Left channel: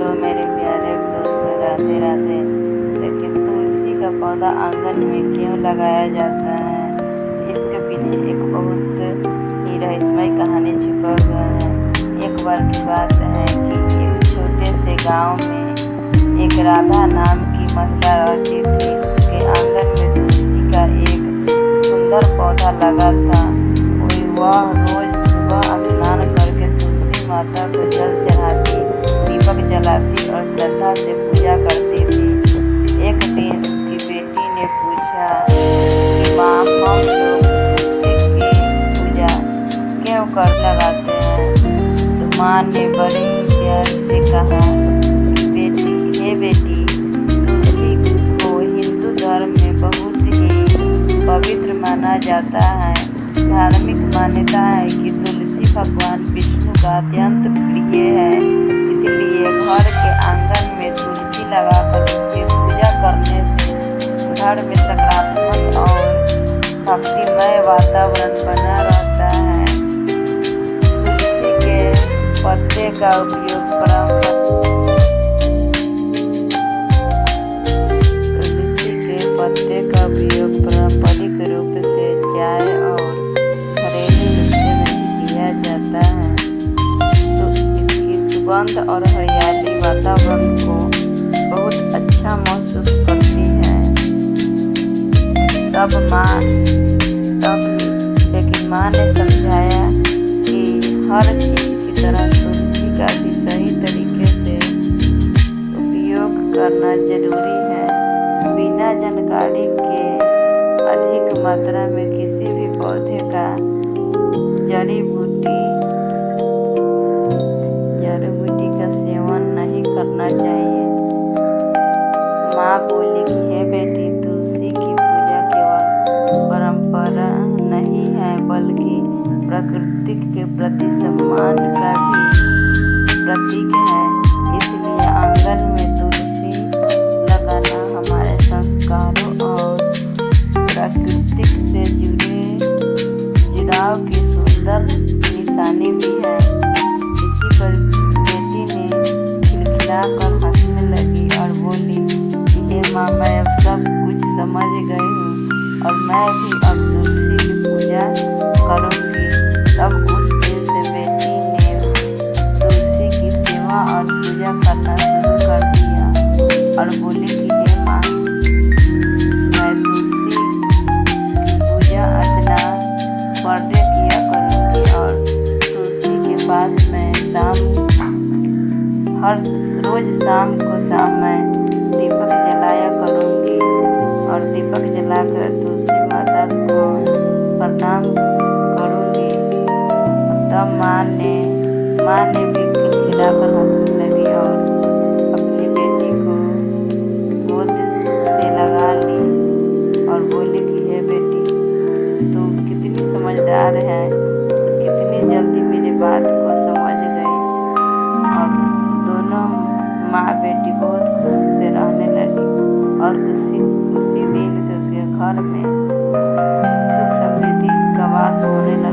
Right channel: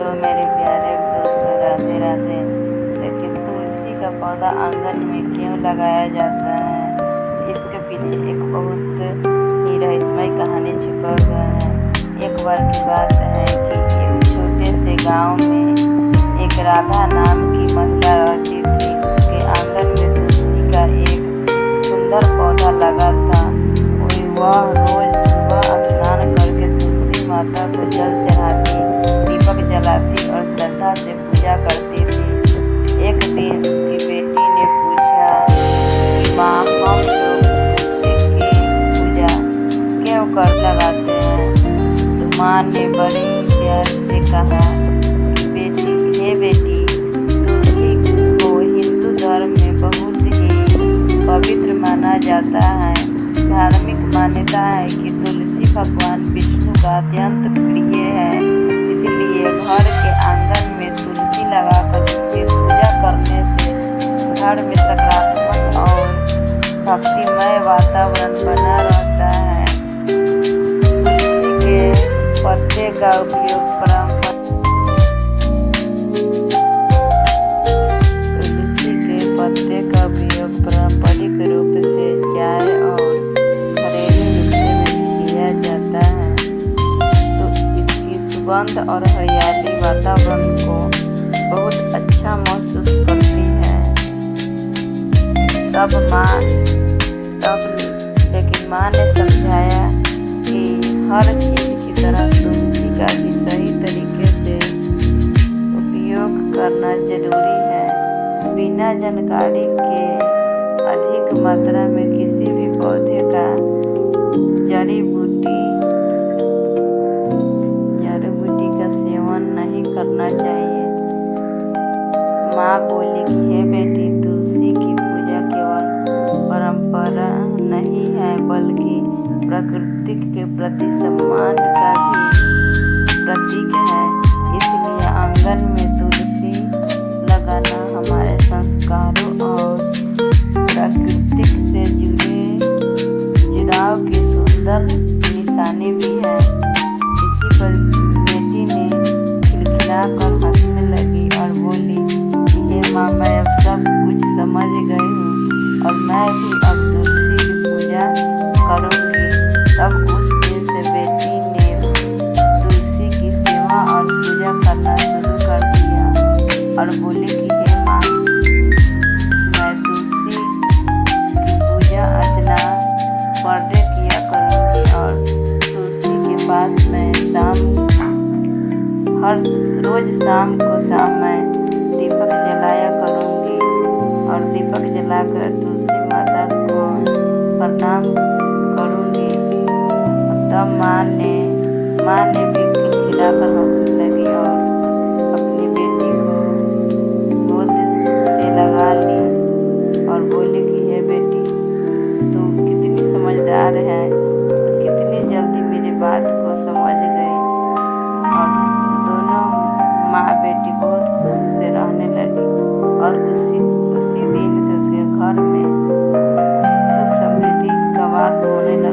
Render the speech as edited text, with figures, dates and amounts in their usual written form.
Hello मेरे प्यारे दोस्तों, राधे राधे। देखिए, तुलसी का पौधा आंगन में क्यों लगाया जाता है, इसके पीछे एक बहुत ही रहस्यमय कहानी छुपा हुआ है। एक बार की बात है कि एक छोटे से गांव में एक राधा नाम की महिला रहती थी। उसके आंगन में तुलसी का एक सुंदर पौधा लगा था। वह रोज सुबह स्नान करके तुलसी माता को जल चढ़ाती, दीपक जलाती और श्रद्धा से पूजा करती थी। एक दिन उसकी बेटी ने पूछा कि माँ, हम लोग तुलसी की पूजा क्यों कर लगाते हैं? तो माँ ने बड़े ही प्यार से कहा कि बेटी, तुलसी को हिंदू धर्म में बहुत ही पवित्र माना जाता है। धार्मिक मान्यता है कि तुलसी भगवान विष्णु का अत्यंत प्रिय है। इसलिए घर के आंगन में तुलसी लगाकर उसकी पूजा करने से घर में सकारात्मक और भक्तिमय वातावरण बना रहता है। तुलसी के पत्ते का उपयोग पारंपरिक रूप से चाय और घरेलू नुस्खे में भी किया जाता है। तो इसकी सुगंध और हरियाली वातावरण को बहुत अच्छा महसूस करती है। लेकिन माँ ने समझाया कि हर चीज की तरह तुलसी का भी सही तरीके से उपयोग करना जरूरी है। बिना जानकारी के अधिक मात्रा में किसी भी पौधे का जड़ी बूटी का सेवन नहीं करना चाहिए। माँ बोली कि हे बेटी, तुलसी की पूजा केवल परंपरा नहीं है, बल्कि प्रकृति के प्रति सम्मान का भी प्रतीक है। इसलिए आंगन में तुलसी लगाना हमारे संस्कारों और प्रकृति से जुड़ाव की सुंदर निशानी भी है। इसी पर बेटी ने खिलखिलाकर हंसने लगी और बोली कि हे माँ, मैं अब सब कुछ समझ गई हूँ और मैं भी अब तुलसी की पूजा करूँगी। तब उस दिन से बेटी ने तुलसी की सेवा और पूजा करना शुरू कर दिया और बोली कि हे माँ, मैं तुलसी की पूजा अर्चना बर्थडे किया करूँगी और तुलसी के पास मैं रोज शाम को मैं दीपक जलाया करूँगी और दीपक जलाकर तुलसी माता को प्रणाम करूँगी। तब माँ ने भी खिलखिलाकर हंसने लगी और अपनी बेटी को गोद से लगा ली और बोली कि हे बेटी, तू कितनी समझदार है और कितनी जल्दी मेरी बात को समझ गई। और दोनों माँ बेटी बहुत खुशी से रहने लगी और उसी दिन से उसके घर में सुख समृद्धि का वास होने लगा।